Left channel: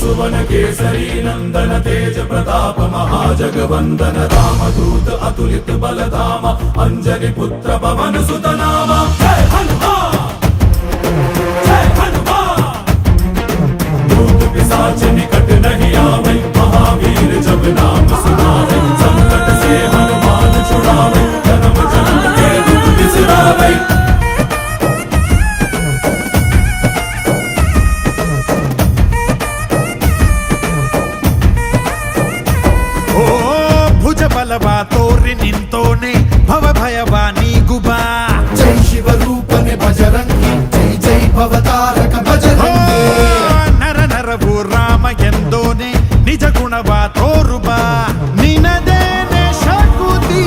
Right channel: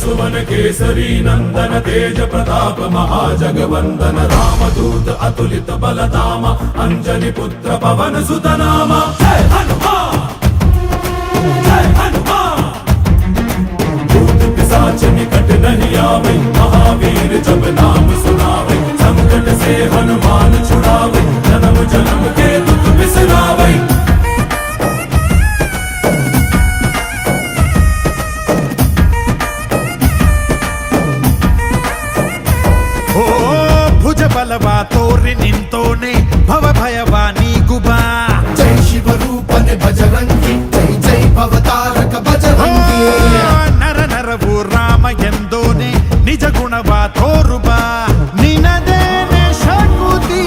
सुवन केसरी नंदन तेज प्रताप महाजगवंदन रामदूत अतुलित बलधाम अंजनी पुत्र पवन सुत नाम जय हनुमान जय हनुमान। भूत पिशाच निकट नहीं आवे महावीर जब नाम सुनावे संकट से हनुमान छुड़ावे जन्म जन्म के दुख बिसरावे। ಓ ಭುಜ ಬಲವ ತೋರಿ ನಿಂತೋನೆ ಭವ ಭಯವ ನೀಗುಬಾ ಜೈ ಶಿವರೂಪನೆ ಬಜರಂಗಿ ಜೈ ಜೈ ಭವತಾರಕ ಬಜರಂಗಿ ನರ ನರವು ರಾಮ ಎಂದೋನೆ ನಿಜ ಗುಣವ ತೋರುಬಾ ನಿನದೇನೆ ಶಕುತಿ